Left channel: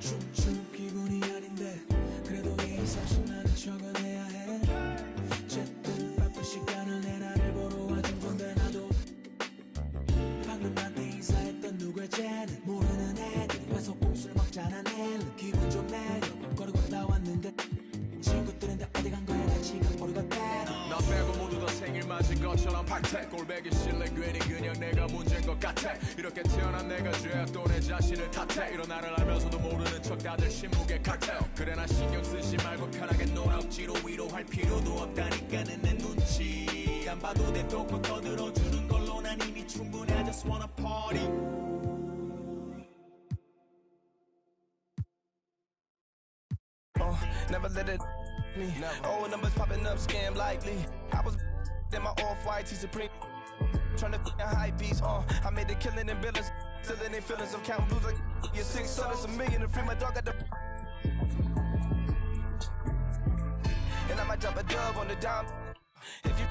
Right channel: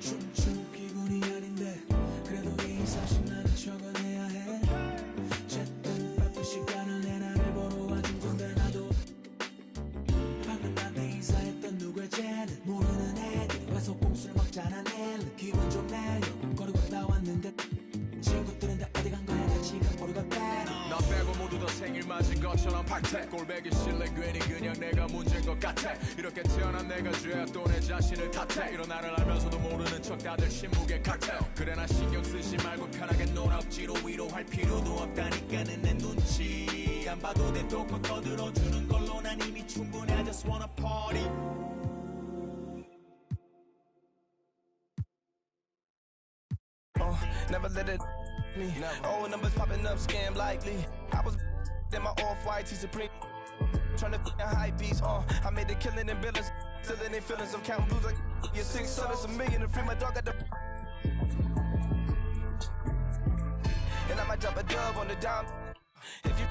춤춘 기분이 아닌데 그래도 예의사실 나는 적어내야 해. 어쨌든 바쁜 시간을 내 나를 보러 와준 건데 나도 방금 나한테 인사했던 누구의 쟤는 모르는 애들이 와서 꼼수를 먹잖아. 내일은 기분 좀 내려고 걸고 나왔는데 친구들은 다 어디 간 거야. 나 지금 모르겠대. 나 빼고 모두 다 생일 맞은 것처럼 박태 꼴배기 싫래 괜히 그냥 내가 문제인 것 같아. 이렇게 태어난 내가 죄야 또 내 자신을 탓해. 이런 나를 알면서도 모르는 척 다들 신무게 칼퇴. 그래 나 신경 쓰지 말고 편하게 놀아. 억지로 위로할 필요도 없다니까는 내 눈치 안 봐도 돼. 또고 떠들어주는 걸로 난 이미 충분해. I just wanna party. Never let it me. Old numbers popping up, scam likely. I was in my off-white Supreme. Tryna high beats, I made a killing in billions. Still in their feelings of counting blues like you're 6 souls, a million to free my dog at the. And I might drop a dub on the dime. If you,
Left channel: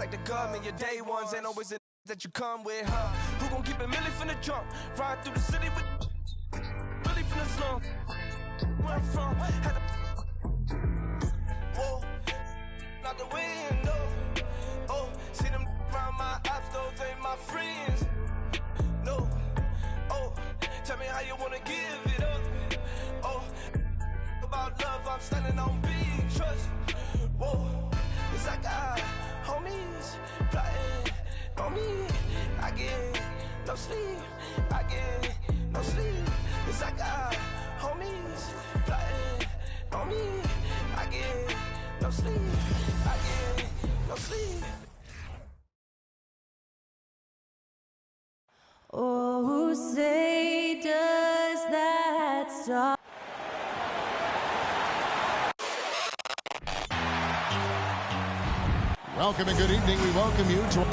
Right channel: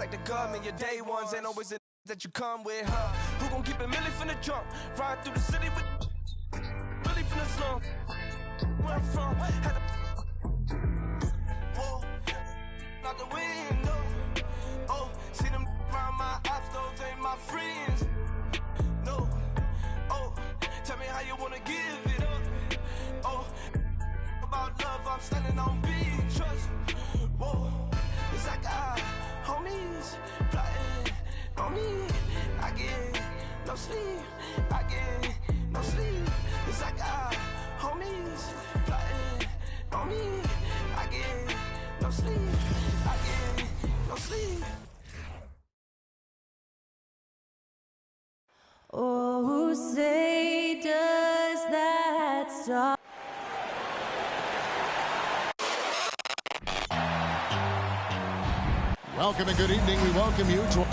like the government, your day ones ain't always the that you come with, huh? Who gon' keep it milli from the jump? Ride through the city with. Really from the slum, where I'm from, had to whoa, out the window. Oh, see them around my ops, those ain't my friends. No, oh, tell me how you wanna give it up. Oh, about love, I'm standing on big trust. Whoa, it's like I homies plotting on me. I get no sleep, I get no sleep. It's like I homies plotting on me. I get no sleep, I get no sleep. Oh, say does that song. Welcome and good evening. We welcome you to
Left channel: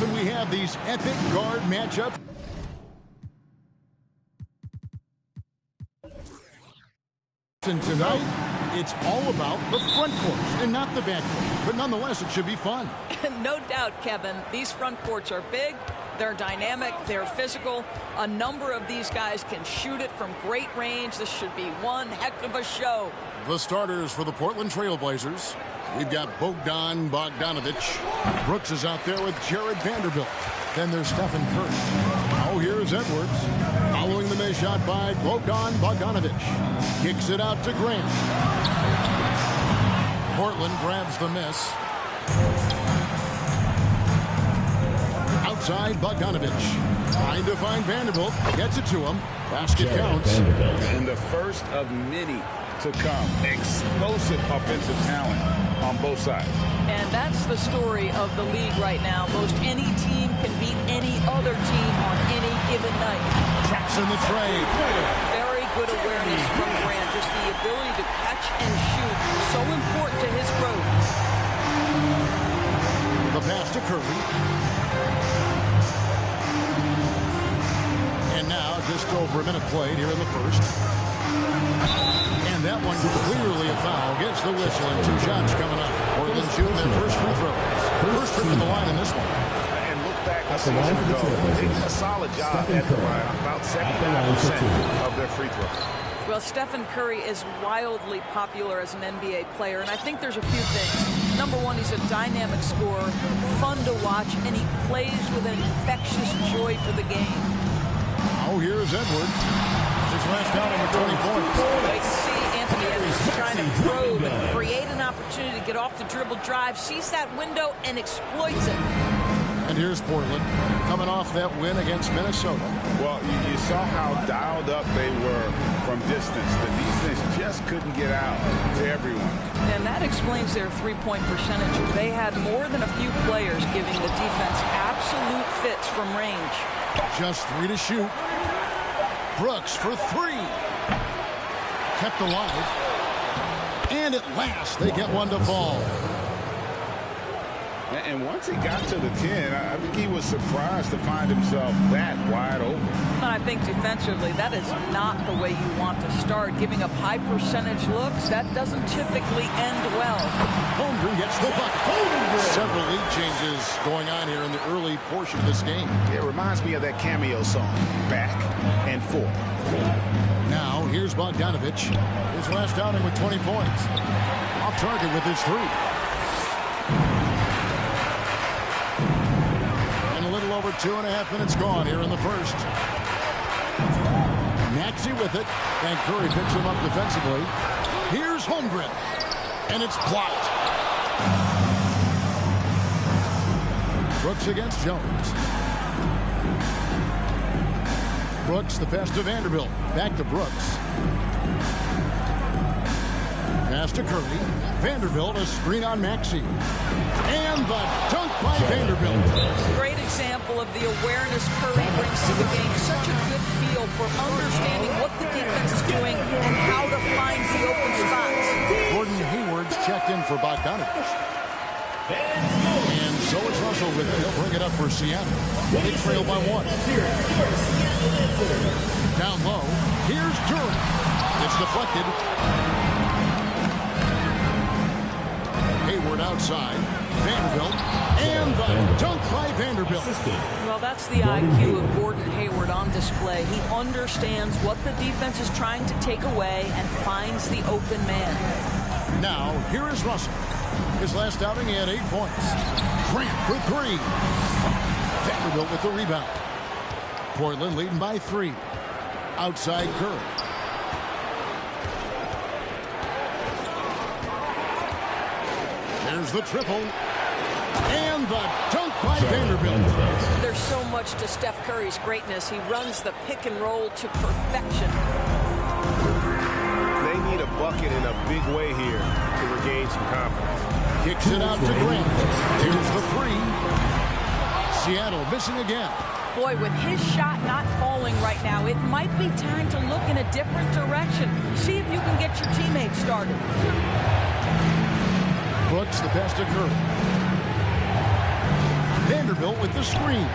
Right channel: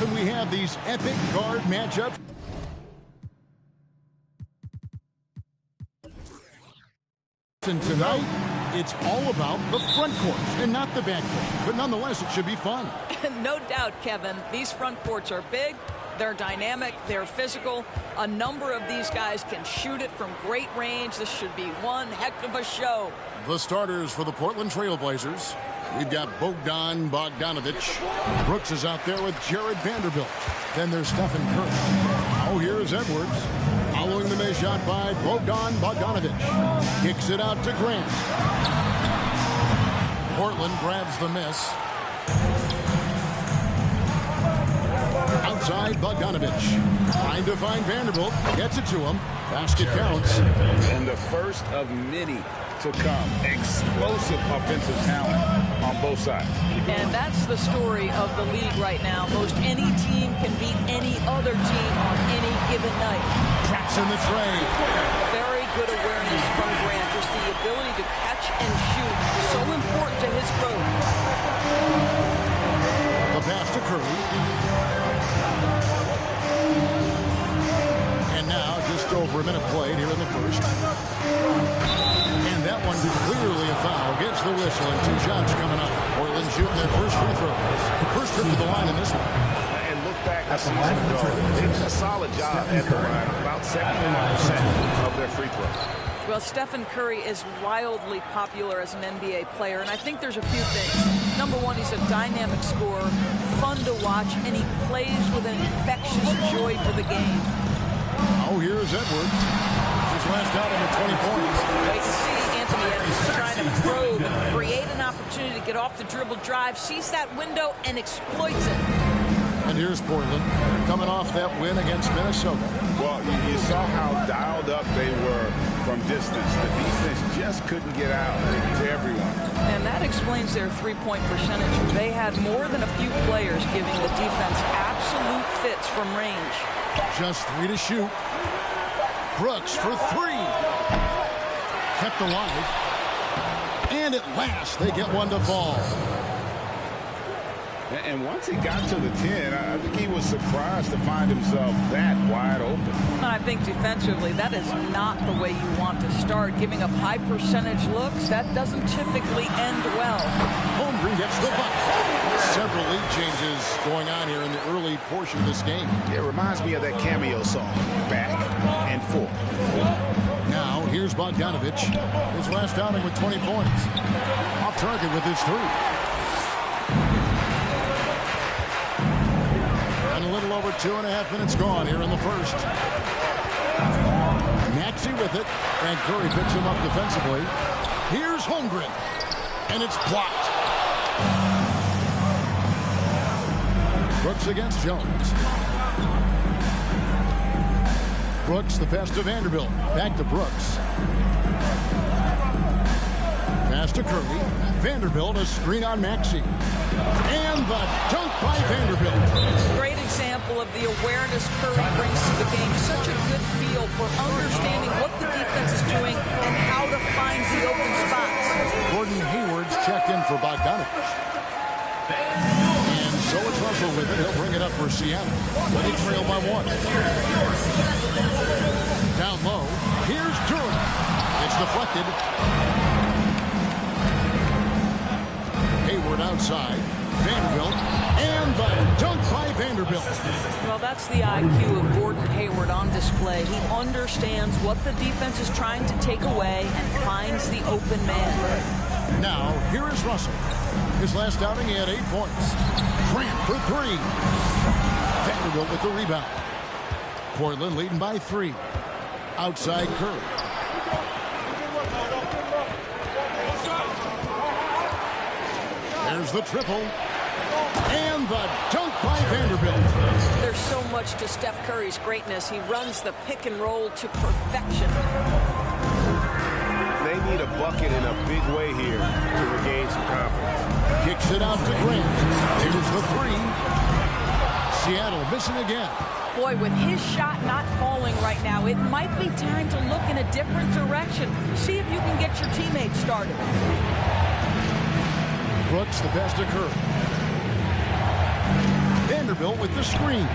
often we have these epic guard matchups. And tonight, it's all about the front courts and not the back court. But nonetheless, it should be fun. No doubt, Kevin. These front courts are big. They're dynamic. They're physical. A number of these guys can shoot it from great range. This should be one heck of a show. The starters for the Portland Trail Blazers. We've got Bogdan Bogdanovic. Brooks is out there with Jared Vanderbilt. Then there's Stephen Curry. Now here's Edwards. Following the miss shot by Bogdan Bogdanovic. Kicks it out to Grant. Portland grabs the miss. Outside Bogdanovic. Trying to find Vanderbilt. Gets it to him. Basket counts. And the first of many to come. Explosive offensive talent on both sides. And that's the story of the league right now. Most any team can beat any other team on any given night. Traps in the tray. Very good awareness from Grant. Just the ability to catch and shoot. So important to his growth. The pass to Curry. And now just over a minute played here in the first. And that one clearly a foul. Gets the whistle and 2 shots coming up. Portland shooting their first free throws. First trip to the line in this one. And look back a season ago. They did a solid job at the line. About 79% of their free throws. Well, Stephen Curry is wildly popular as an NBA player, and I think there's a few things. Number one, he's a dynamic scorer, fun to watch, and he plays with an infectious joy for the game. Oh, here's Edwards. His last outing with 20 points. Well, you can see Anthony Edwards trying to probe and create an opportunity to get off the dribble drive, sees that window, and exploits it. And here's Portland coming off that win against Minnesota. Well, you saw how dialed up they were from distance. The defense just couldn't get out to everyone. And that explains their three-point percentage. They had more than a few players giving the defense absolute fits from range. Just 3 to shoot. Brooks for 3. Kept alive. And at last, they get one to fall. And once he got to the 10, I think he was surprised to find himself that wide open. And I think defensively, that is not the way you want to start. Giving up high percentage looks, that doesn't typically end well. Holmgren gets the bucket. Several lead changes going on here in the early portion of this game. It reminds me of that cameo song, Back and Forth. Now, here's Bogdanovic. His last outing with 20 points. Off target with his 3. And a little over 2.5 minutes gone here in the first. Maxey with it, and Curry picks him up defensively. Here's Holmgren, and it's blocked. Brooks against Jones. Brooks, the pass to Vanderbilt. Back to Brooks. Pass to Curry. Vanderbilt, a screen on Maxey. And the dunk by Vanderbilt. Great example of the awareness Curry brings to the game. Such a good feel for understanding what the defense is doing and how to find the open spots. Gordon Hayward's checked in for Bogdanovic. And so it's Russell with it. He'll bring it up for Seattle. They trail by 1. Down low. Here's Durant. It's deflected. Hayward outside. Vanderbilt. And the dunk by Vanderbilt. Well, that's the IQ of Gordon Hayward on display. He understands what the defense is trying to take away and finds the open man. Now, here is Russell. His last outing, he had 8 points. Grant for 3. Vanderbilt with the rebound. Portland leading by 3. Outside Curry. There's the triple. And the dunk by Vanderbilt. There's so much to Steph Curry's greatness. He runs the pick and roll to perfection. They need a bucket in a big way here to regain some confidence. Kicks it out to Grant. There's the 3. Seattle missing again. Boy, with his shot not falling right now, it might be time to look in a different direction. See if you can get your teammates started. Brooks, the pass to Curry. Vanderbilt with the screen.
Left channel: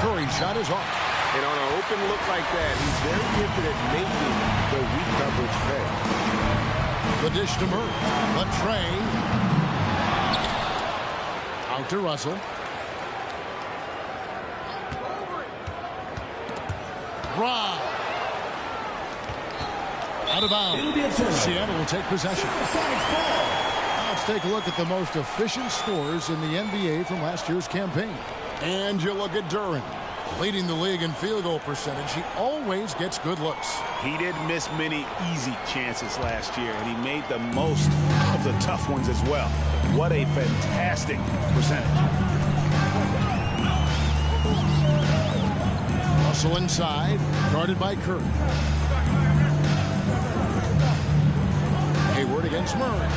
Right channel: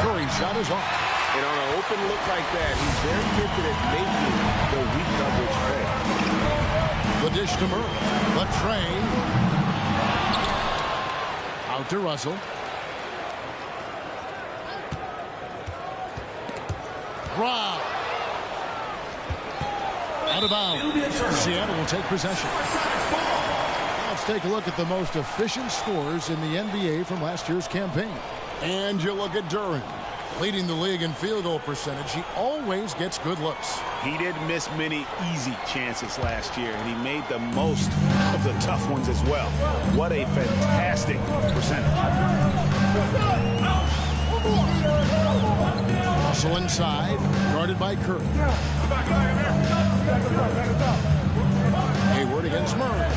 Curry's shot is off. And on an open look like that, he's very gifted at making the weak coverage pay. The dish to Murray. The tray. Out to Russell. Rob. Out of bounds. Seattle will take possession. Now let's take a look at the most efficient scores in the NBA from last year's campaign. And you look at Duren, leading the league in field goal percentage. He always gets good looks. He didn't miss many easy chances last year, and he made the most of the tough ones as well. What a fantastic percentage. Russell inside, guarded by Curry. Hayward against Murray.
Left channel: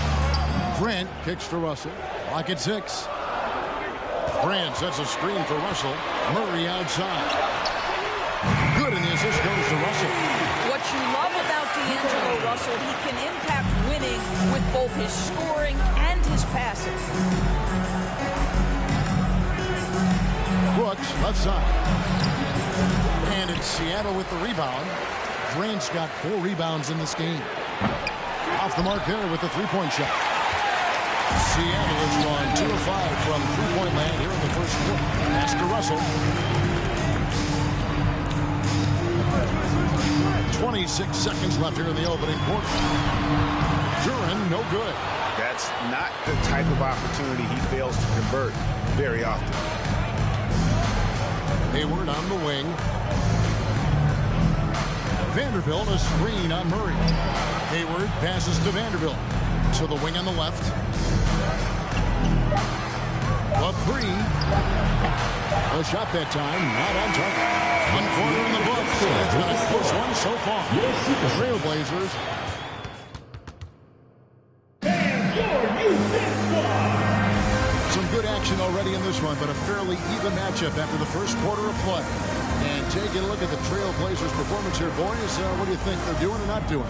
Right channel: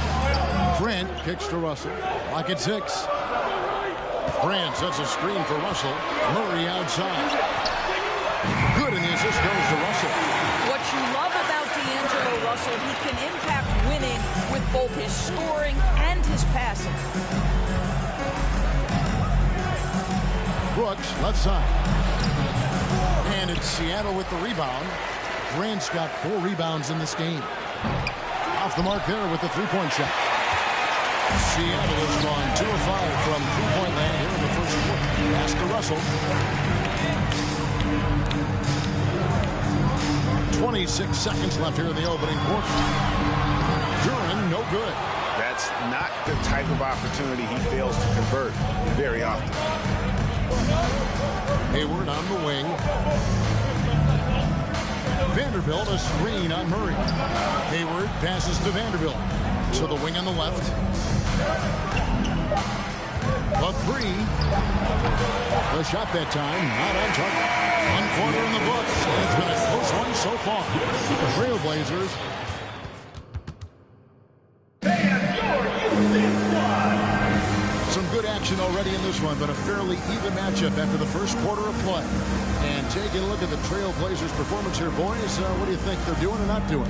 Grant kicks to Russell. Lock at 6. Grant sets a screen for Russell. Murray outside. Good, and the assist goes to Russell. What you love about D'Angelo Russell, he can impact winning with both his scoring and his passing. Brooks, left side. And it's Seattle with the rebound. Grant's got 4 rebounds in this game. Off the mark there with the three-point shot. Seattle has gone 2 of 5 from three-point land here in the first quarter. Pass to Russell. 26 seconds left here in the opening quarter. Duren, no good. That's not the type of opportunity he fails to convert very often. Hayward on the wing. Vanderbilt a screen on Murray. Hayward passes to Vanderbilt. To the wing on the left. The 3. The shot that time, not on target. 1 quarter in the books, and it's been a close one so far. The Trailblazers. Some good action already in this one, but a fairly even matchup after the first quarter of play. And taking a look at the Trailblazers' performance here, boys, what do you think they're doing or not doing?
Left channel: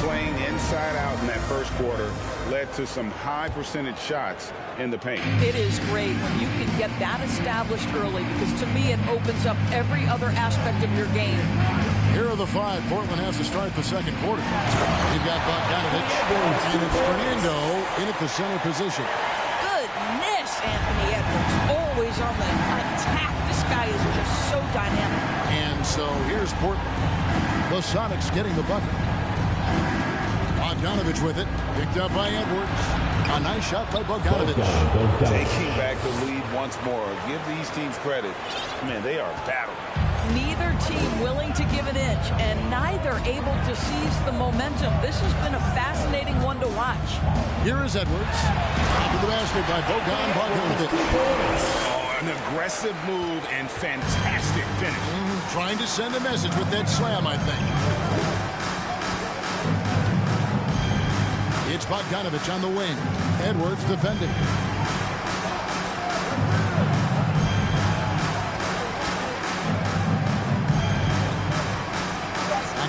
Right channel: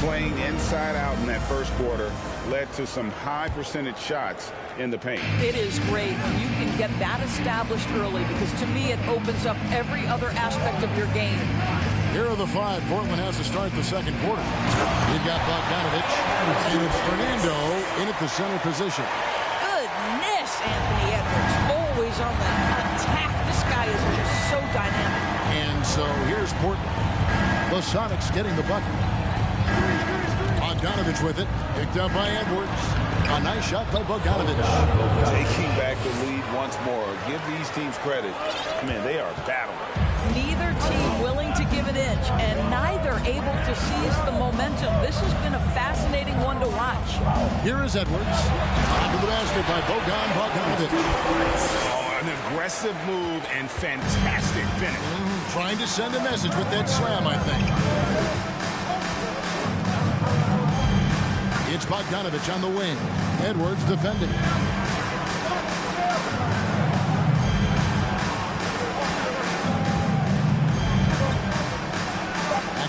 Playing inside out in that first quarter led to some high percentage shots in the paint. It is great when you can get that established early, because to me it opens up every other aspect of your game. Here are the 5 Portland has to start the second quarter. You've got Bogdanovich, and it's Fernando in at the center position. Goodness, Anthony Edwards, always on the attack. This guy is just so dynamic. And so here's Portland. The Sonics getting the bucket. Bogdanovich with it. Picked up by Edwards. A nice shot by Bogdanovich. Taking back the lead once more. Give these teams credit. Man, they are battling. Neither team willing to give an inch, and neither able to seize the momentum. This has been a fascinating one to watch. Here is Edwards. Into the basket by Bogdanovich. Oh, an aggressive move and fantastic finish. Trying to send a message with that slam, I think. It's Bogdanovich on the wing. Edwards defending.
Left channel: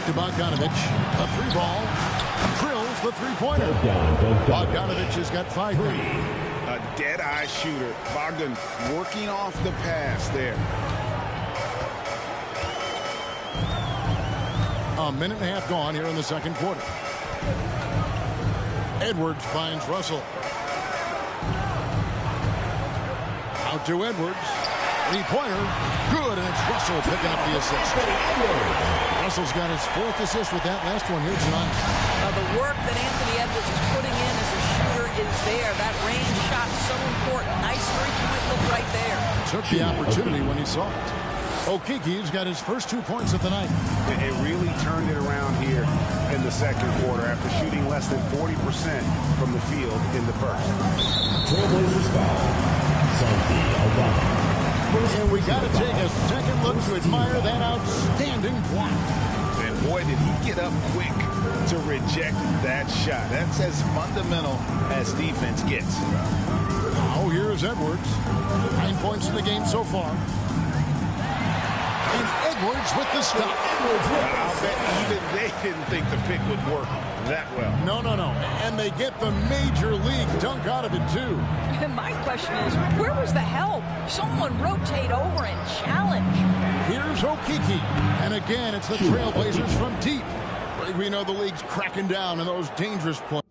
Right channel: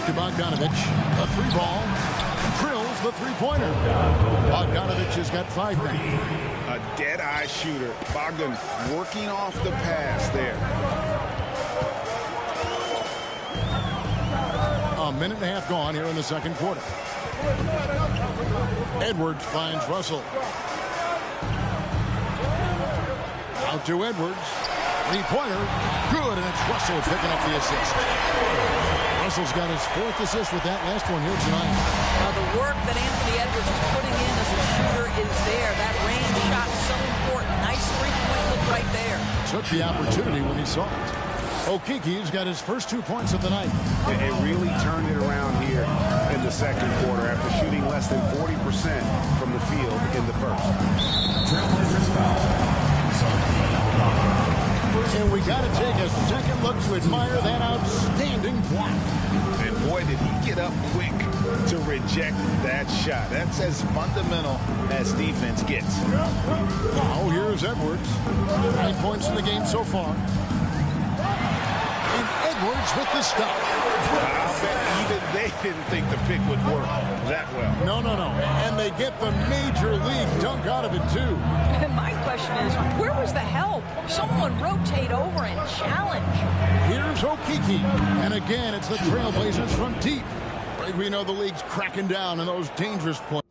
To Bogdanovich, a 3 ball, drills the 3-pointer. Bogdanovich has got 5 now. A dead-eye shooter. Bogdan working off the pass there. A minute and a half gone here in the second quarter. Edwards finds Russell. Out to Edwards. 3-pointer. Good, and it's Russell picking up the assist. Russell's got his 4th assist with that last one here tonight. The work that Anthony Edwards is putting in as a shooter is there. That range shot so important. Nice 3-point look right there. Took the opportunity when he saw it. Okiki's got his first 2 points of the night. It really turned it around here in the second quarter after shooting less than 40% from the field in the first. Trailblazers foul. Santi Aldama. And we got to take a second look to admire that outstanding block. And boy, did he get up quick to reject that shot. That's as fundamental as defense gets. Now here's Edwards. 9 points in the game so far. And Edwards with the stop. I'll bet even they didn't think the pick would work that well. No. And they get the major league dunk out of it, too. My question is, where was the help? Someone rotate over and challenge. Here's Okeke. And again, it's the Trailblazers from deep. We know the league's cracking down on those dangerous plays.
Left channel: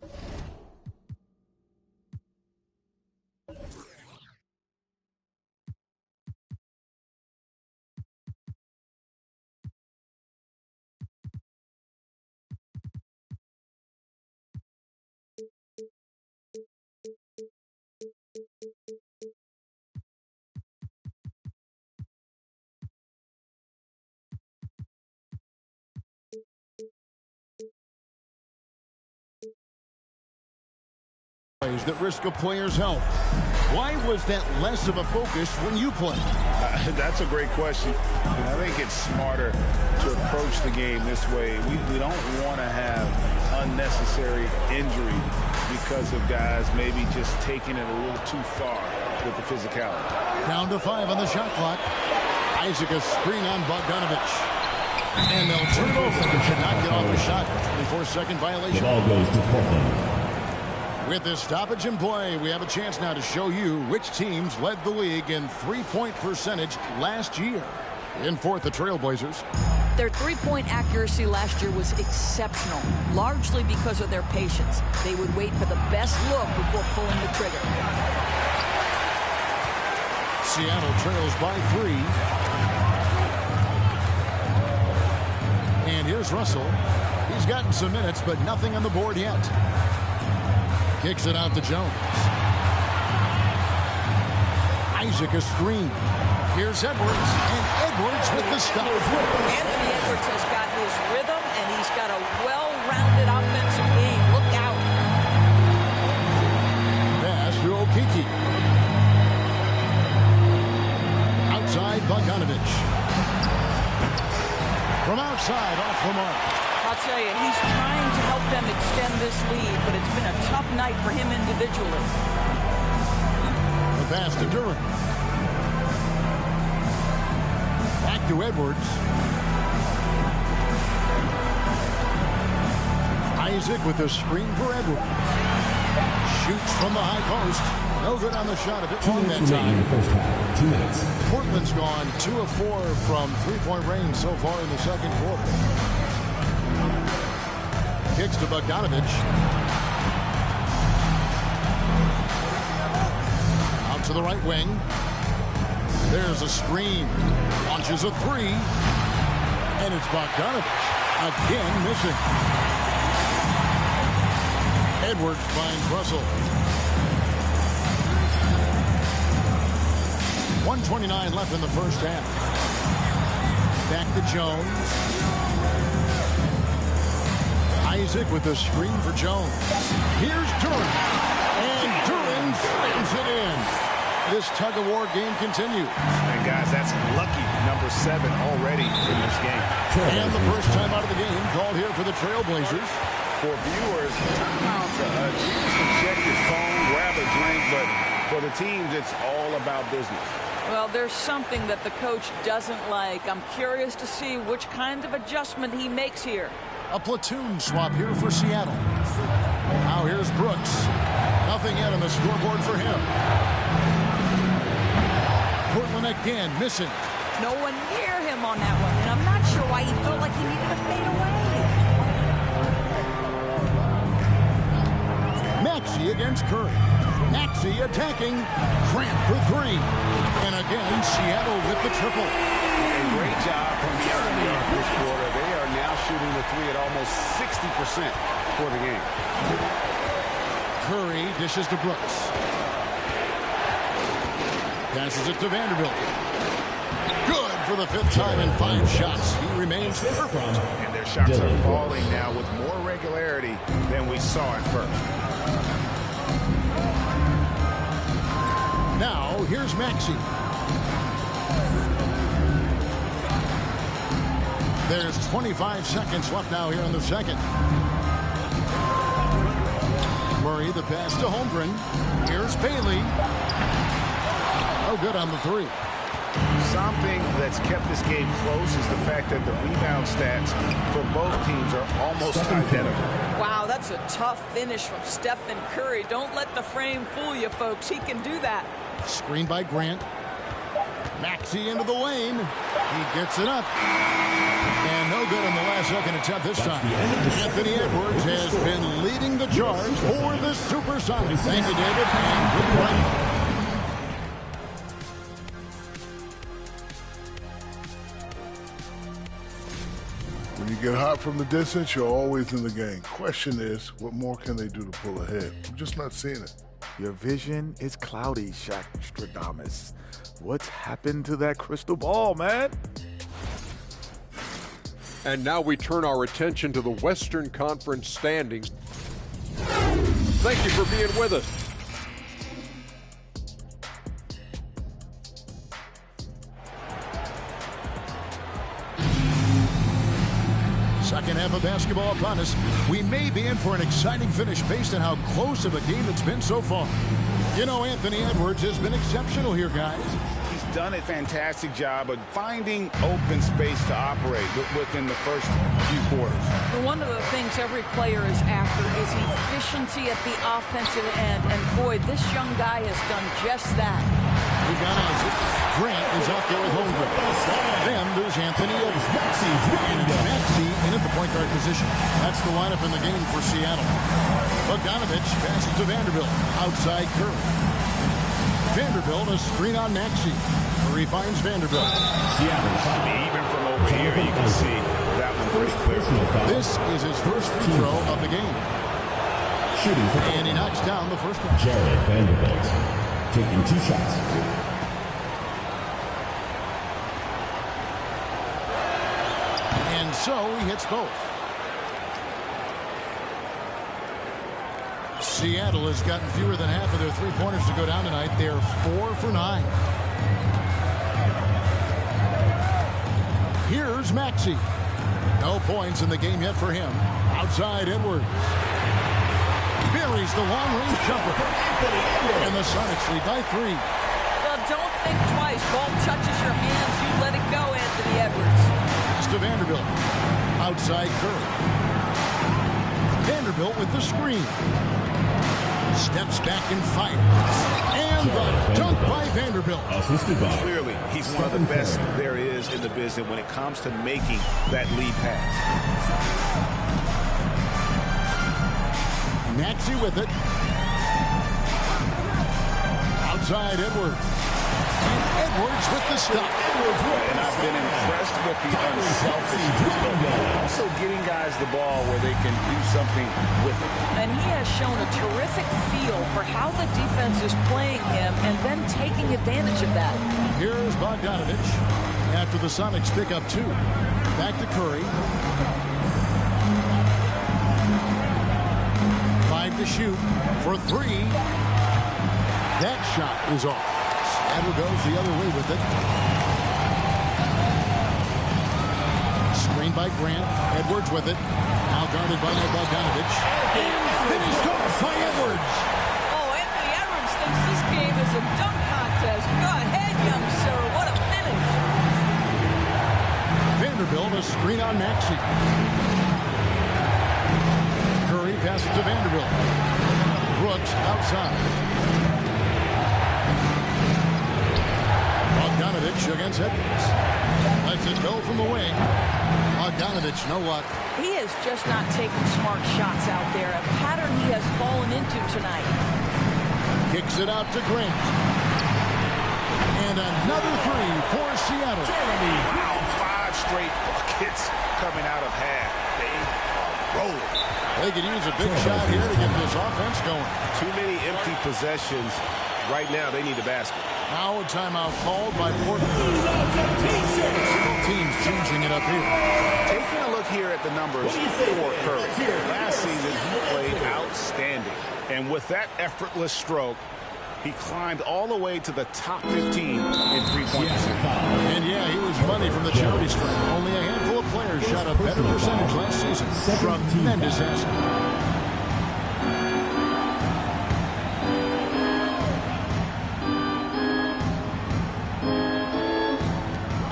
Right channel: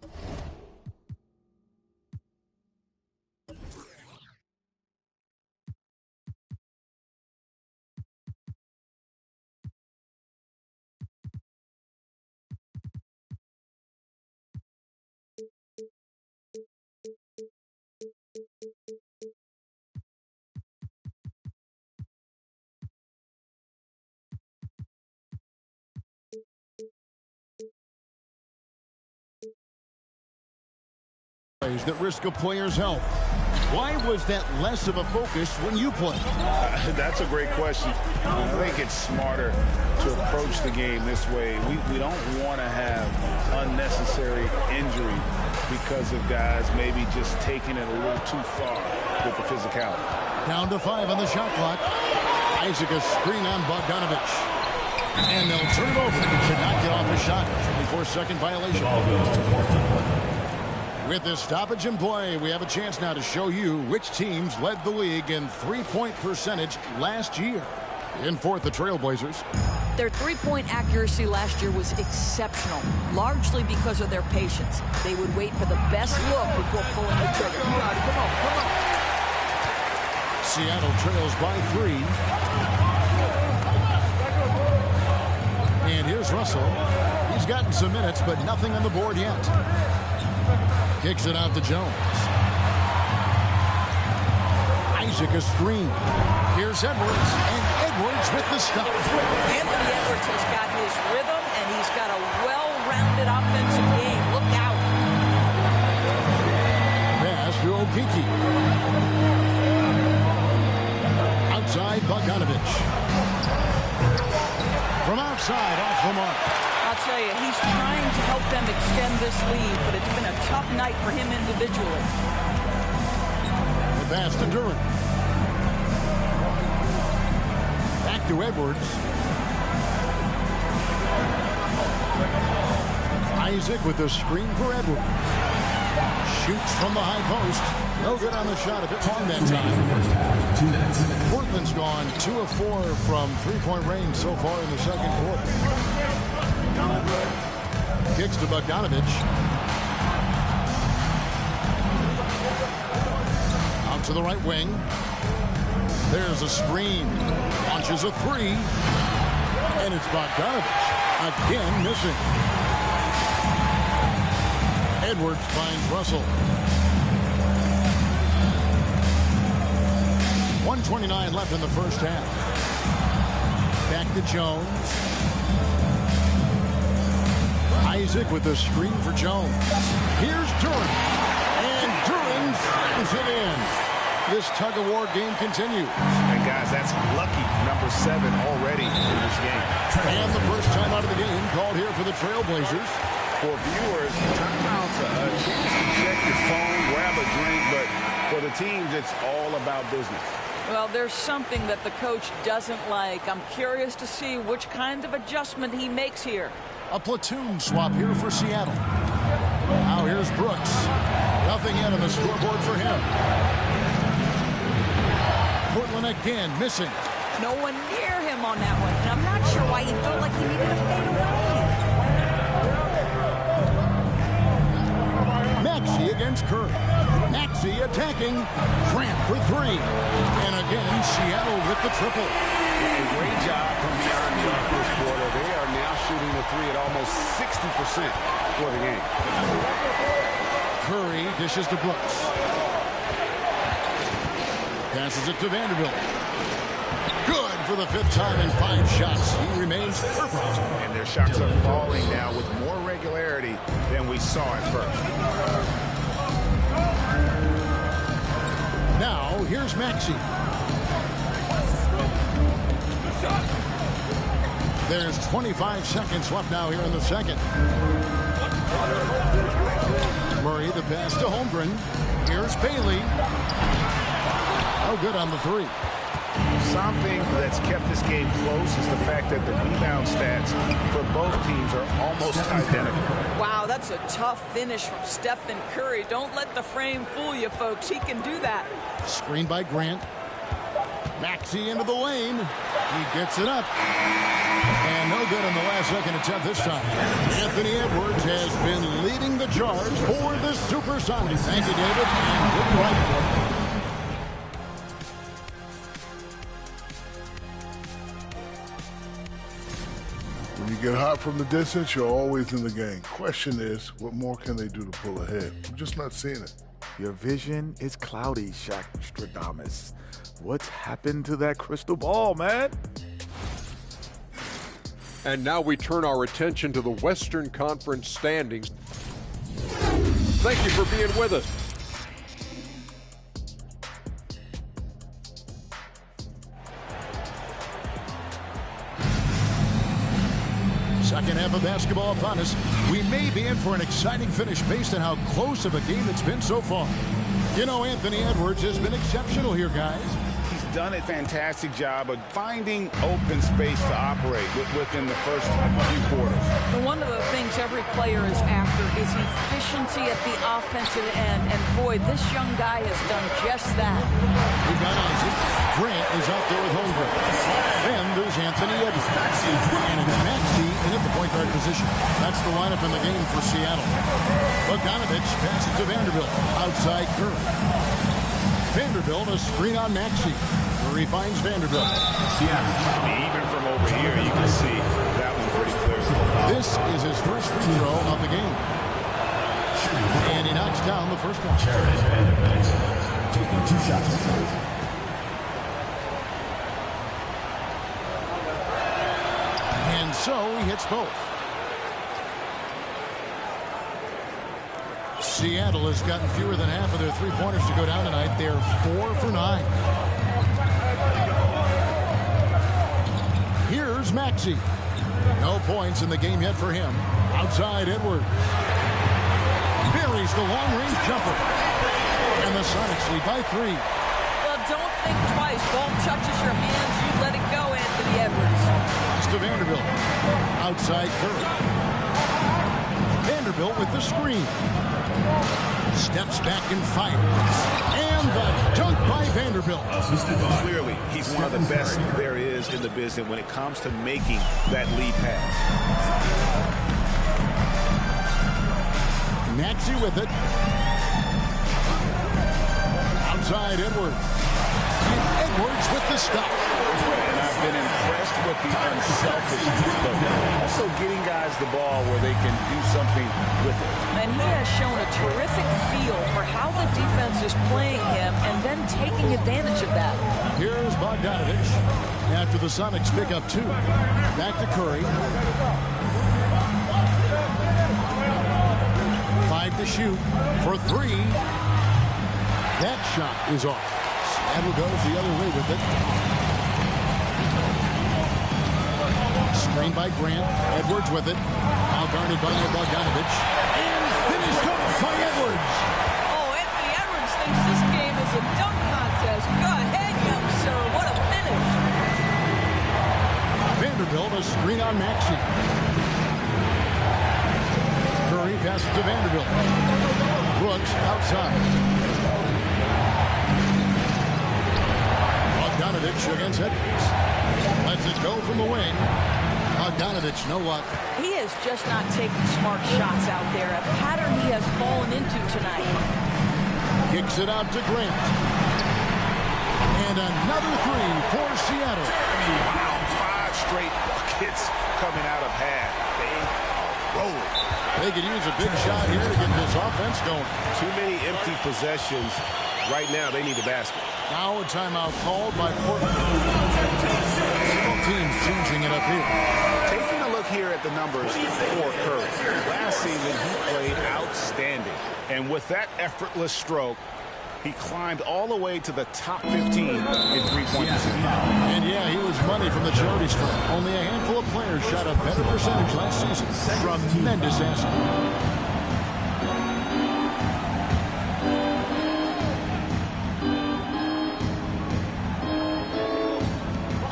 That risk a player's health. Why was that less of a focus when you played? That's a great question. I think it's smarter to approach the game this way. We don't want to have unnecessary injury because of guys maybe just taking it a little too far with the physicality. Down to 5 on the shot clock. Isaac a screen on Bogdanovich. And they'll turn it over. Should not get off a shot. 24-second violation. Ball goes to Portland. With this stoppage in play, we have a chance now to show you which teams led the league in three-point percentage last year. In fourth, the Trailblazers. Their three-point accuracy last year was exceptional, largely because of their patience. They would wait for the best look before pulling the trigger. Seattle trails by 3. And here's Russell. He's gotten some minutes, but nothing on the board yet. Kicks it out to Jones. Isaac a screen. Here's Edwards, and Edwards with the stop. Anthony Edwards has got his rhythm, and he's got a well-rounded offensive game. Look out. Pass to Okeke. Outside, Bogdanovich. From outside, off the mark. I'll tell you, he's trying to help them extend this lead, but it's been a tough night for him individually. The pass to Duren. Back to Edwards. Isaac with the screen for Edwards. Shoots from the high post. No good on the shot. A bit long that time. First half, 2 minutes. Portland's gone 2 of 4 from three-point range so far in the second quarter. Kicks to Bogdanovich. Out to the right wing. There's a screen. Launches a 3. And it's Bogdanovich. Again missing. Edwards finds Russell. 1:29 left in the first half. Back to Jones. Isaac with the screen for Jones. Here's Duren. And Duren slams it in. This tug-of-war game continues. And guys, that's lucky number 7 already in this game. And the first time out of the game called here for the Trailblazers. For viewers, timeout's a chance to check your phone, grab a drink, but for the teams, it's all about business. Well, there's something that the coach doesn't like. I'm curious to see which kind of adjustment he makes here. A platoon swap here for Seattle. Now here's Brooks. Nothing yet on the scoreboard for him. Portland again missing. No one near him on that one, and I'm not sure why he felt like he needed to fade away. Maxey against Curry. Maxey attacking. Grant for 3. And again, Seattle with the triple. A great job from beyond the arc this quarter. They are now shooting the 3 at almost 60% for the game. Curry dishes to Brooks. Passes it to Vanderbilt. Good for the 5th time in 5 shots. He remains perfect. And their shots are falling now with more regularity than we saw at first. Now, here's Maxey. There's 25 seconds left now here in the second. Murray, the pass to Holmgren. Here's Bailey. No good on the 3. something that's kept this game close is the fact that the rebound stats for both teams are almost identical. Wow, that's a tough finish from Stephen Curry. Don't let the frame fool you, folks. He can do that. Screen by Grant. Maxey into the lane. He gets it up. And no good on the last second attempt this time. Anthony Edwards has been leading the charge for the Supersonics. Thank you, David, and we'll be right back. When you get hot from the distance, you're always in the game. Question is, what more can they do to pull ahead? I'm just not seeing it. Your vision is cloudy, Shaq Stradamus. What's happened to that crystal ball, man? And now we turn our attention to the Western Conference standings. Thank you for being with us. Second half of basketball upon us. We may be in for an exciting finish based on how close of a game it's been so far. You know, Anthony Edwards has been exceptional here, guys. He's done a fantastic job of finding open space to operate within the first few quarters. One of the things every player is after is efficiency at the offensive end. And boy, this young guy has done just that. We've got Isaac. Grant is out there with Holmgren. Then there's Anthony Edwards. And it's Maxey in at the point guard position. That's the lineup in the game for Seattle. Bogdanovich passes to Vanderbilt. Outside Curry. Vanderbilt, a screen on Maxey. Curry finds Vanderbilt. Even from over here, you can see that one pretty clear. This is his first free throw of the game. And he knocks down the first one. Jared Vanderbilt taking 2 shots. And so he hits both. Seattle has gotten fewer than half of their three-pointers to go down tonight. They're 4 for 9. Here's Maxey. No points in the game yet for him. Outside Edwards. Buries the long-range jumper. And the Sonics lead by 3. Well, don't think twice. Ball touches your hands, you let it go, Anthony Edwards. Pass to Vanderbilt. Outside Curry. Vanderbilt with the screen. Steps back and fires. And the dunk by Vanderbilt. Clearly, he's one of the best there is in the business when it comes to making that lead pass. Maxey with it. Outside Edwards. And Edwards with the stop. And I've been impressed with the unselfishness, but also getting guys the ball where they can do something with it. And he has shown a terrific feel for how the defense is playing him and then taking advantage of that. Here's Bogdanovich after the Sonics pick up 2. Back to Curry. 5 to shoot for 3. That shot is off. Seattle goes the other way with it. Screen by Grant. Edwards with it. Now guarded by Bogdanovich. And finished off by Edwards. Oh, Anthony Edwards thinks this game is a dunk contest. Go ahead, young sir. What a finish. Vanderbilt, a screen on Maxey. Curry passes to Vanderbilt. Brooks outside. Bogdanovich against Edwards. Lets it go from the wing. Bogdanovich, no luck. He is just not taking smart shots out there. A pattern he has fallen into tonight. Kicks it out to Grant. And another 3 for Seattle. Wow, 5 straight buckets coming out of half. They are rolling. They could use a big shot here to get this offense going. Too many empty possessions. Right now, they need a basket. Now a timeout called by Portland. Several teams changing it up here. Taking a look here at the numbers for Curry. Last season, he played outstanding. And with that effortless stroke, he climbed all the way to the top 15 in three-point percentage. And yeah, he was money from the charity stripe. Only a handful of players shot a better percentage last season. Tremendous asset.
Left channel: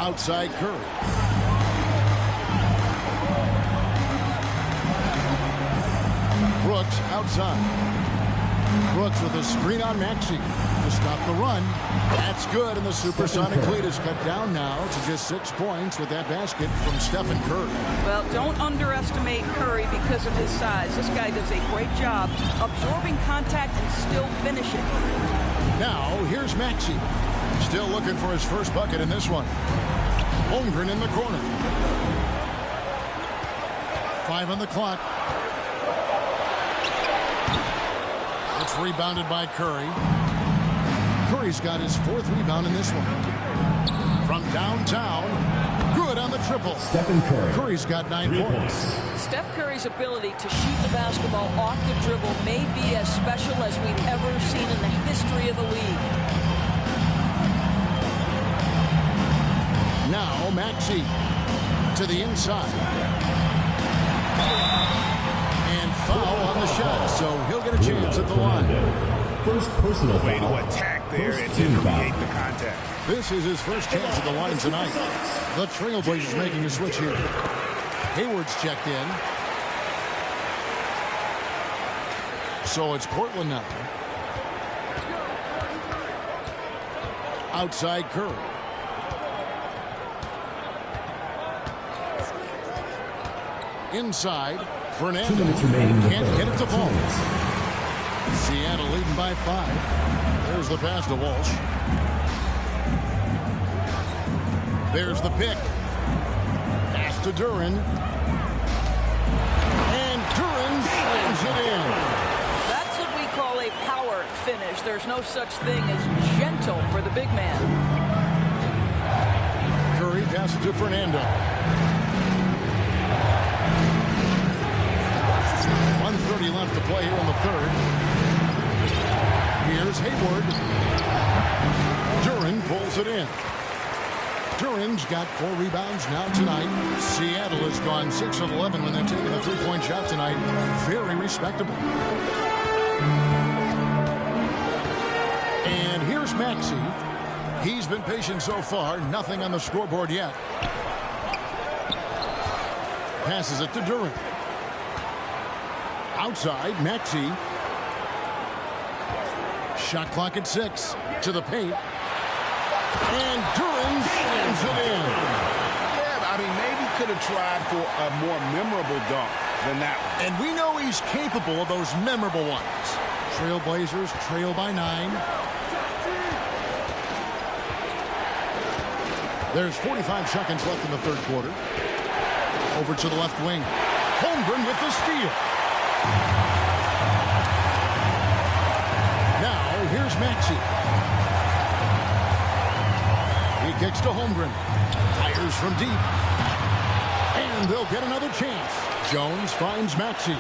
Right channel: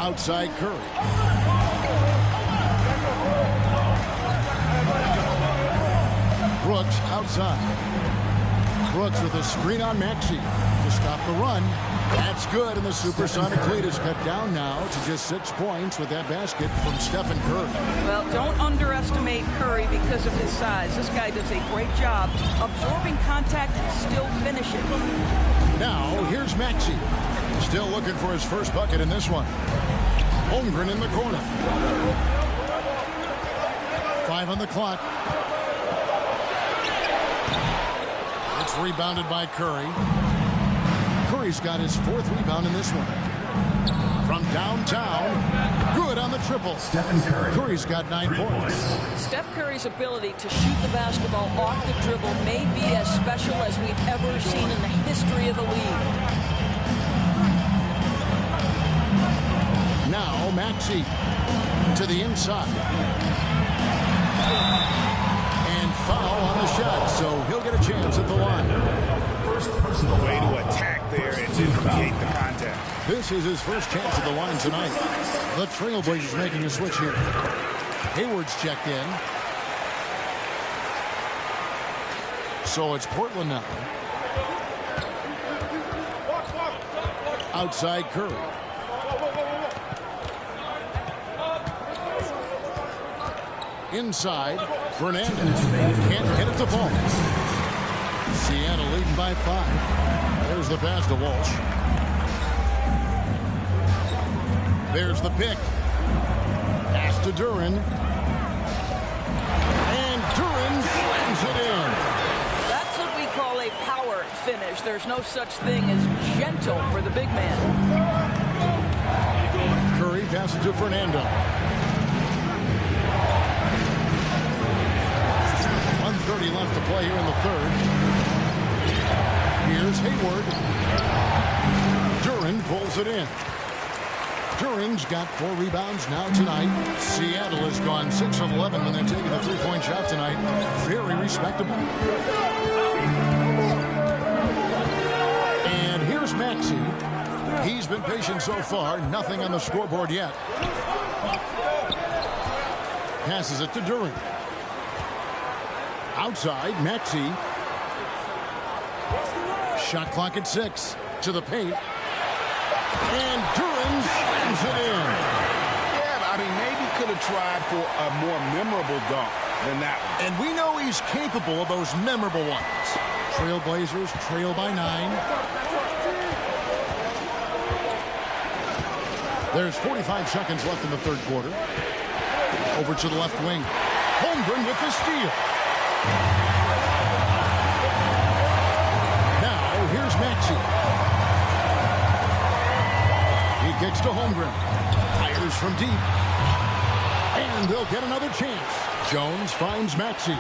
Outside Curry. Brooks outside. Brooks with a screen on Maxey to stop the run. That's good, and the Supersonic lead is cut down now to just 6 points with that basket from Stephen Curry. Well, don't underestimate Curry because of his size. This guy does a great job absorbing contact and still finishing. Now, here's Maxey. Still looking for his first bucket in this one. Holmgren in the corner. 5 on the clock. It's rebounded by Curry. Curry's got his 4th rebound in this one. From downtown, good on the triple. Stephen Curry. Curry's got 9 points. Steph Curry's ability to shoot the basketball off the dribble may be as special as we've ever seen in the history of the league. Now Maxey to the inside. And foul on the shot, so he'll get a chance at the line. First personal Way foul. to attack there and then create the contact. This is his first chance at the line tonight. The Trailblazers making a switch here. Hayward's checked in. So it's Portland now. Outside Curry. Inside, Fernandez can't get it to fall. Seattle leading by 5. There's the pass to Walsh. There's the pick. Pass to Duren. And Duren slams it in. That's what we call a power finish. There's no such thing as gentle for the big man. Curry passes to Fernando. 1:30 left to play here in the third. Here's Hayward. Duren pulls it in. Duren's got 4 rebounds now tonight. Seattle has gone 6 of 11 when they're taking a 3-point shot tonight. Very respectable. And here's Maxey. He's been patient so far. Nothing on the scoreboard yet. Passes it to Duren. Outside, Maxey. Shot clock at 6. To the paint. And Duren slams it in. Yeah, I mean, maybe could have tried for a more memorable dunk than that one. And we know he's capable of those memorable ones. Trailblazers trail by 9. There's 45 seconds left in the third quarter. Over to the left wing. Holmgren with the steal. Now, here's Maxey. He kicks to Holmgren. Fires from deep. And they'll get another chance. Jones finds Maxey.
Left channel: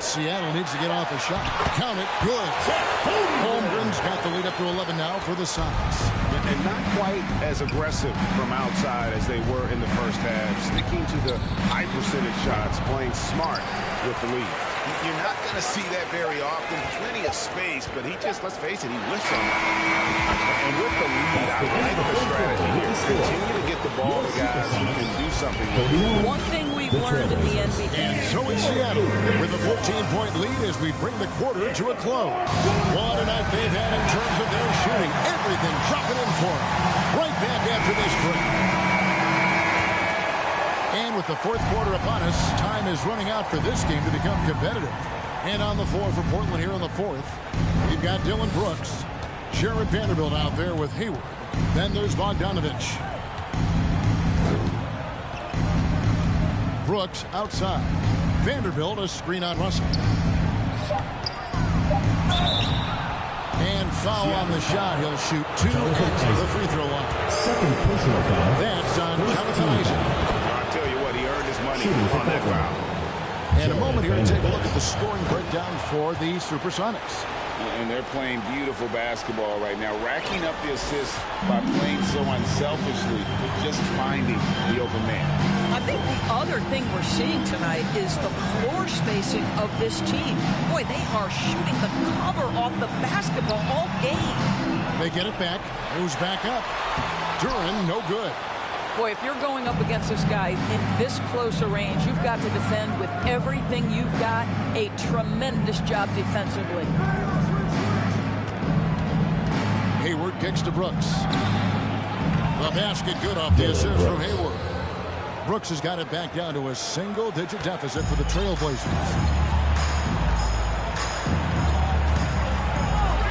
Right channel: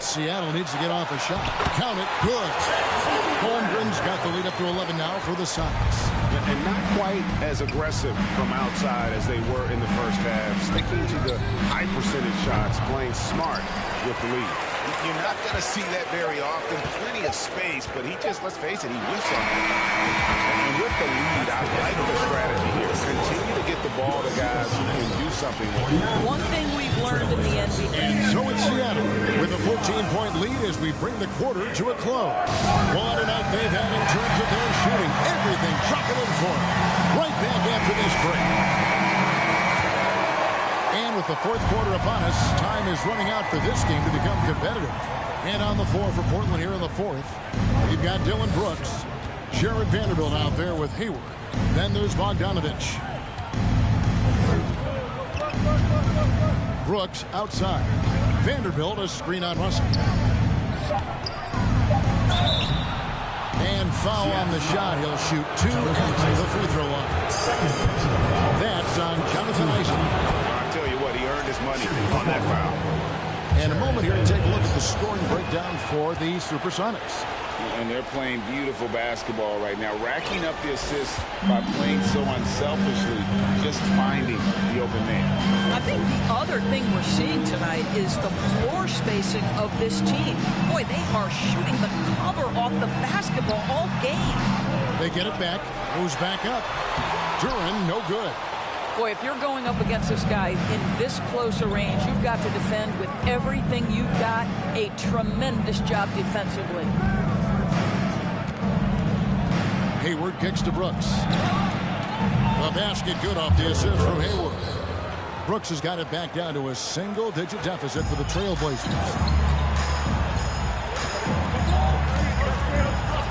Seattle needs to get off a shot. Count it. Good. Holmgren's got the lead up to 11 now for the Sonics. And not quite as aggressive from outside as they were in the first half. Sticking to the high percentage shots, playing smart with the lead. You're not going to see that very often. Plenty of space, but he just, let's face it, he whiffs on that. And with the lead, I like the strategy here. Continue to get the ball to guys who can do something with it. One thing we've learned in the NBA. And so it's Seattle with a 14-point lead as we bring the quarter to a close. What a night they've had in terms of their shooting. Everything dropping in for them. Right back after this break. And with the fourth quarter upon us, time is running out for this game to become competitive. And on the floor for Portland here in the fourth, we've got Dylan Brooks, Jared Vanderbilt out there with Hayward. Then there's Bogdanovich. Brooks outside. Vanderbilt a screen on Russell. And foul on the shot. He'll shoot 2 at the free throw line. Second personal foul. That's on Jonathan Isaac. Tell you what, he earned his money on that foul. And a moment here to take a look at the scoring breakdown for the Supersonics. And they're playing beautiful basketball right now, racking up the assists by playing so unselfishly, just finding the open man. I think the other thing we're seeing tonight is the floor spacing of this team. Boy, they are shooting the cover off the basketball all game. They get it back. Goes back up. Duren, no good. Boy, if you're going up against this guy in this close a range, you've got to defend with everything you've got. A tremendous job defensively. Hayward kicks to Brooks. The basket good off the assist from Hayward. Brooks has got it back down to a single-digit deficit for the Trailblazers.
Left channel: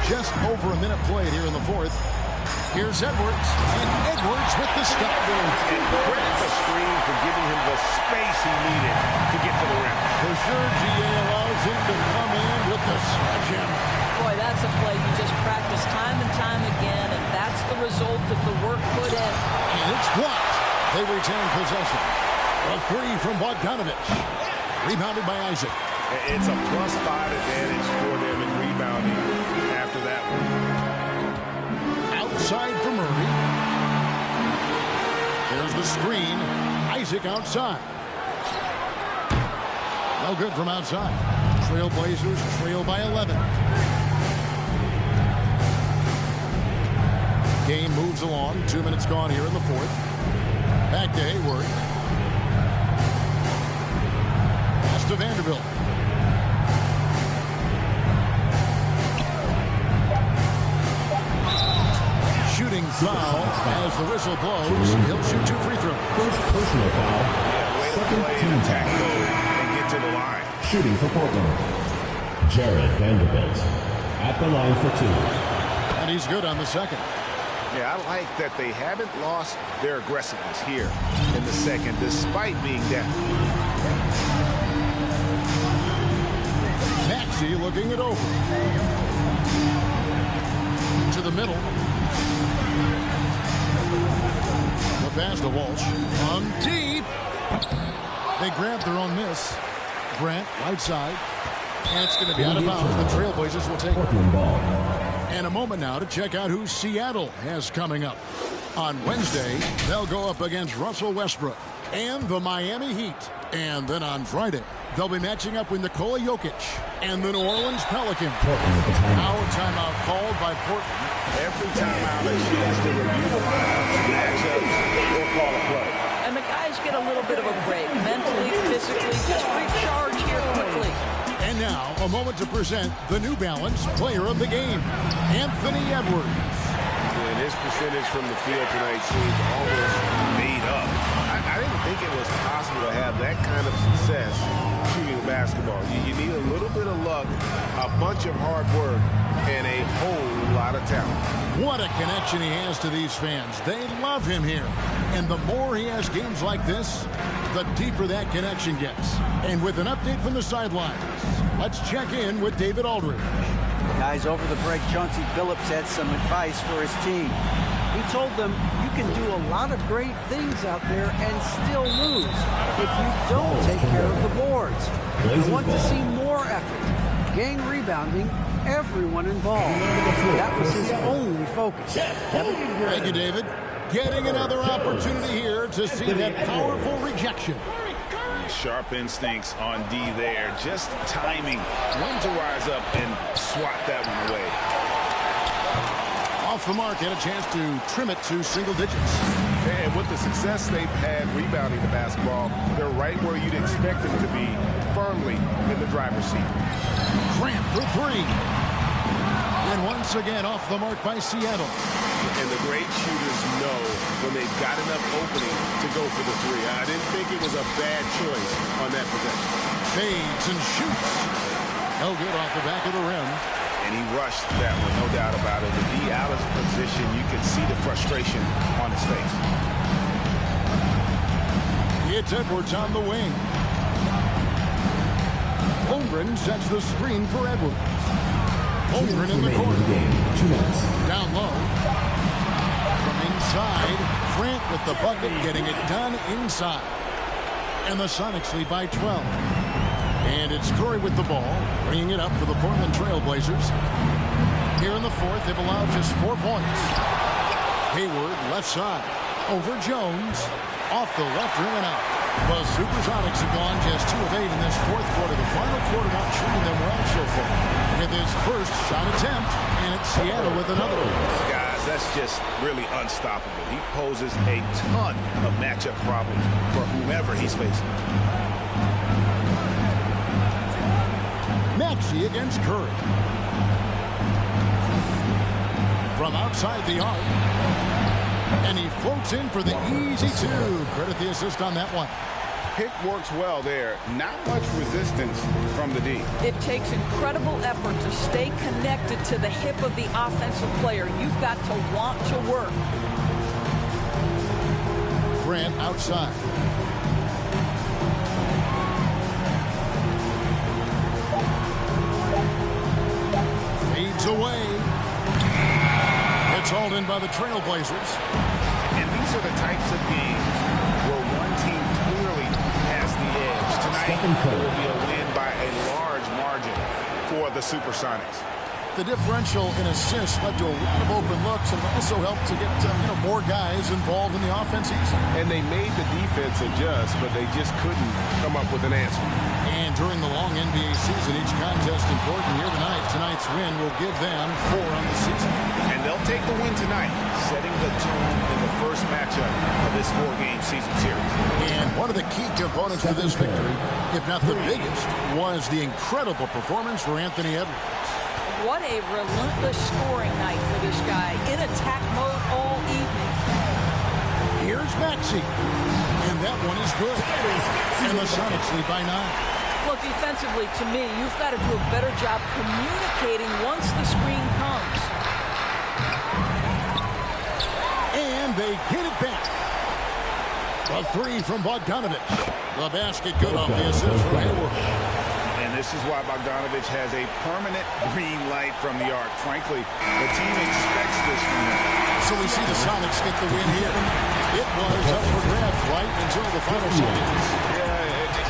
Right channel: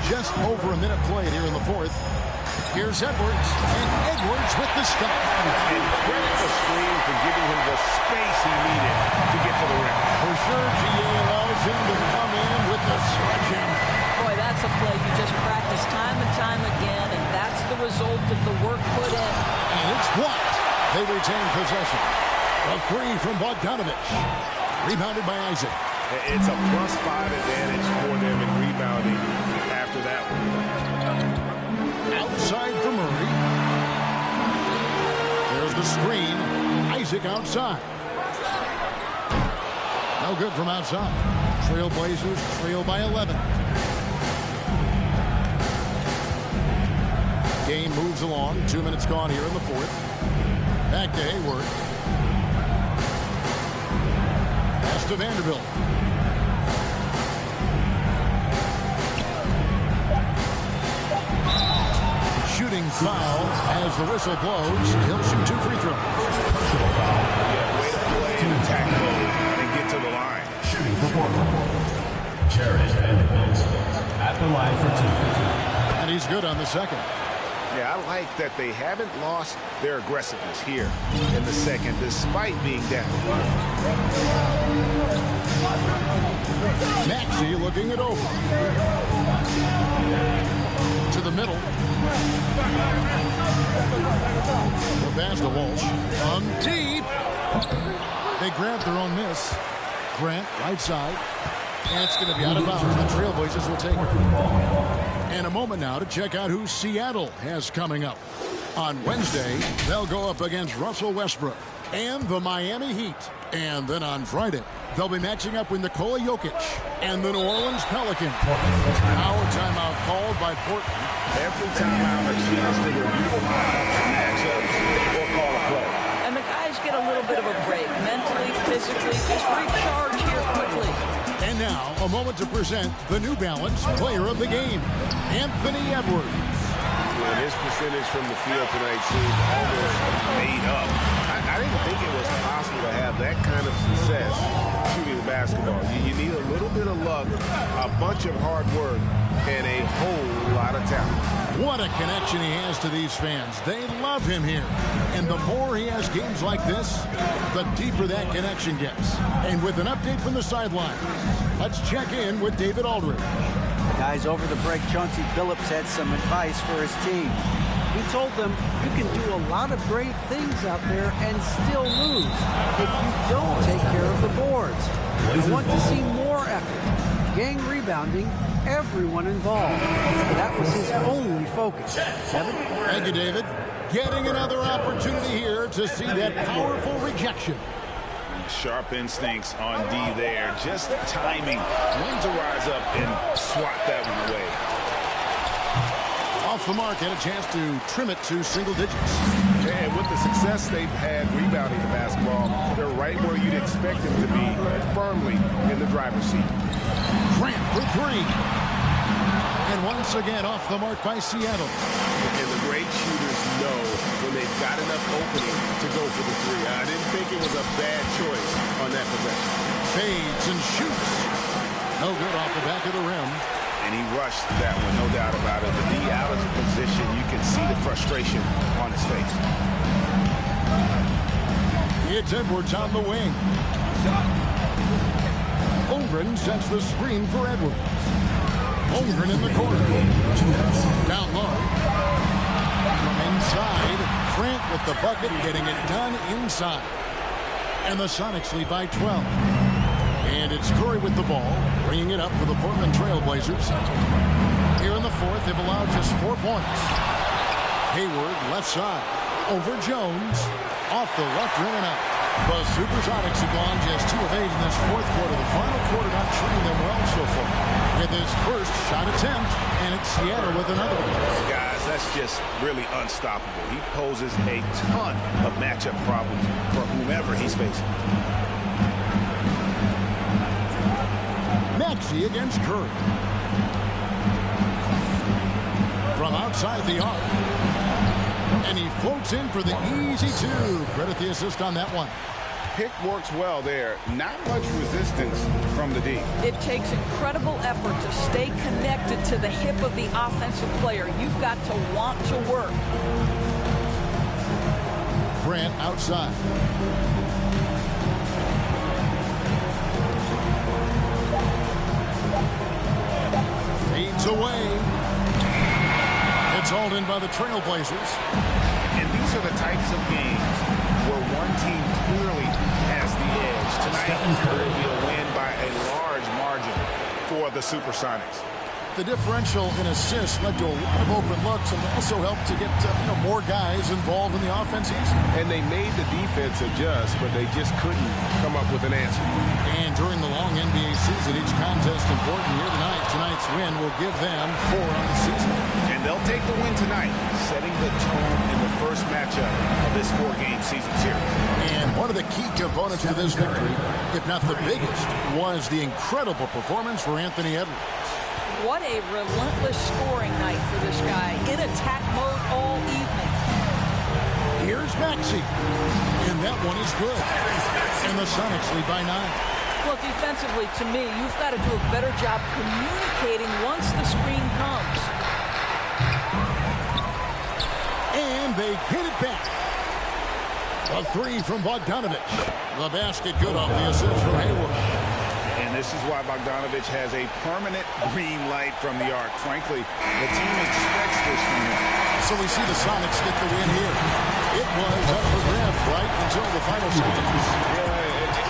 Just over a minute played here in the fourth. Here's Edwards, and Edwards with the stop. And credit the screen for giving him the space he needed to get to the rim. For sure, GA allows him to come in with the sledgehammer. Boy, that's a play you just practice time and time again, and that's the result of the work put in. And it's blocked. They retain possession. A three from Bogdanovich. Rebounded by Isaac. It's a +5 advantage for them in rebounding after that one. Outside for Murray. There's the screen. Isaac outside. No good from outside. Trailblazers trail by 11. Game moves along. 2 minutes gone here in the fourth. Back to Hayward. Pass to Vanderbilt. Shooting foul as the whistle blows. He'll shoot 2 free throws. Personal foul. Yeah, way to play in attack mode and get to the line. Shooting for Portland. Jared Vanderbilt at the line for 2. And he's good on the second. Yeah, I like that they haven't lost their aggressiveness here in the second, despite being down. Maxey looking it over. To the middle. The pass to Walsh. From deep. They grab their own miss. Grant, right side. And it's going to be out of bounds. The Trailblazers will take it. And a moment now to check out who Seattle has coming up. On Wednesday, they'll go up against Russell Westbrook and the Miami Heat. And then on Friday, they'll be matching up with Nikola Jokic and the New Orleans Pelicans. Now a timeout called by Portland. Every timeout a chance to review the lineups and matchups or call a play. And the guys get a little bit of a break, mentally, physically, just recharge here quickly. And now, a moment to present the New Balance Player of the Game, Anthony Edwards. And his percentage from the field tonight seemed almost made up. I didn't think it was possible to have that kind of success shooting the basketball. You need a little bit of luck, a bunch of hard work, and a whole lot of talent. What a connection he has to these fans. They love him here. And the more he has games like this, the deeper that connection gets. And with an update from the sidelines, let's check in with David Aldridge. Guys, over the break, Chauncey Billups had some advice for his team. He told them, you can do a lot of great things out there and still lose if you don't take care of the boards. I want to see more effort, gang rebounding, everyone involved. That was his only focus. Kevin? Thank you, David. Getting another opportunity here to see that powerful rejection. Sharp instincts on D there. Just timing when to rise up and swat that one away. Off the mark, had a chance to trim it to single digits. And with the success they've had rebounding the basketball, they're right where you'd expect them to be, firmly in the driver's seat. Grant for 3. And once again off the mark by Seattle. And the great shooters know when they've got enough opening to go for the 3. I didn't think it was a bad choice on that possession. Fades and shoots. No good off the back of the rim. And he rushed that one, no doubt about it. With D out of position, you can see the frustration on his face. It's Edwards on the wing. Holmgren sets the screen for Edwards. Holmgren in the corner. Down low. From inside, Grant with the bucket, getting it done inside. And the Sonics lead by 12. And it's Curry with the ball, bringing it up for the Portland Trail Blazers. the fourth, they've allowed just 4 points. Hayward, left side. Over Jones. Off the left rim and out. The Supersonics have gone just 2 of 8 in this fourth quarter. The final quarter not treating them well so far. With his first shot attempt, and it's Seattle with another one. Guys, that's just really unstoppable. He poses a ton of matchup problems for whomever he's facing. Maxey against Curry. From outside the arc. And he floats in for the easy 2. Credit the assist on that one. Pick works well there. Not much resistance from the D. It takes incredible effort to stay connected to the hip of the offensive player. You've got to want to work. Grant outside. Fades away. It's hauled in by the Trailblazers. And these are the types of games where one team clearly has the edge. Tonight, it will be a win by a large margin for the Supersonics. The differential in assists led to a lot of open looks, and it also helped to get more guys involved in the offense easy. And they made the defense adjust, but they just couldn't come up with an answer. And during the long NBA season, each contest important here tonight. Tonight's win will give them 4 on the season. And they'll take the win tonight, setting the tone in the first matchup of this 4-game season series. And one of the key components to this victory, if not the biggest, was the incredible performance for Anthony Edwards. What a relentless scoring night for this guy. In attack mode all evening. Here's Maxey. And that one is good. And the Sonics lead by 9. Well, defensively, to me, you've got to do a better job communicating once the screen comes. And they get it back. A 3 from Bogdanovich. The basket good off the assist from Hayward. And this is why Bogdanovich has a permanent green light from the arc. Frankly, the team expects this from him. So we see the Sonics get the win here. It was up for grabs right until the final seconds. Yeah,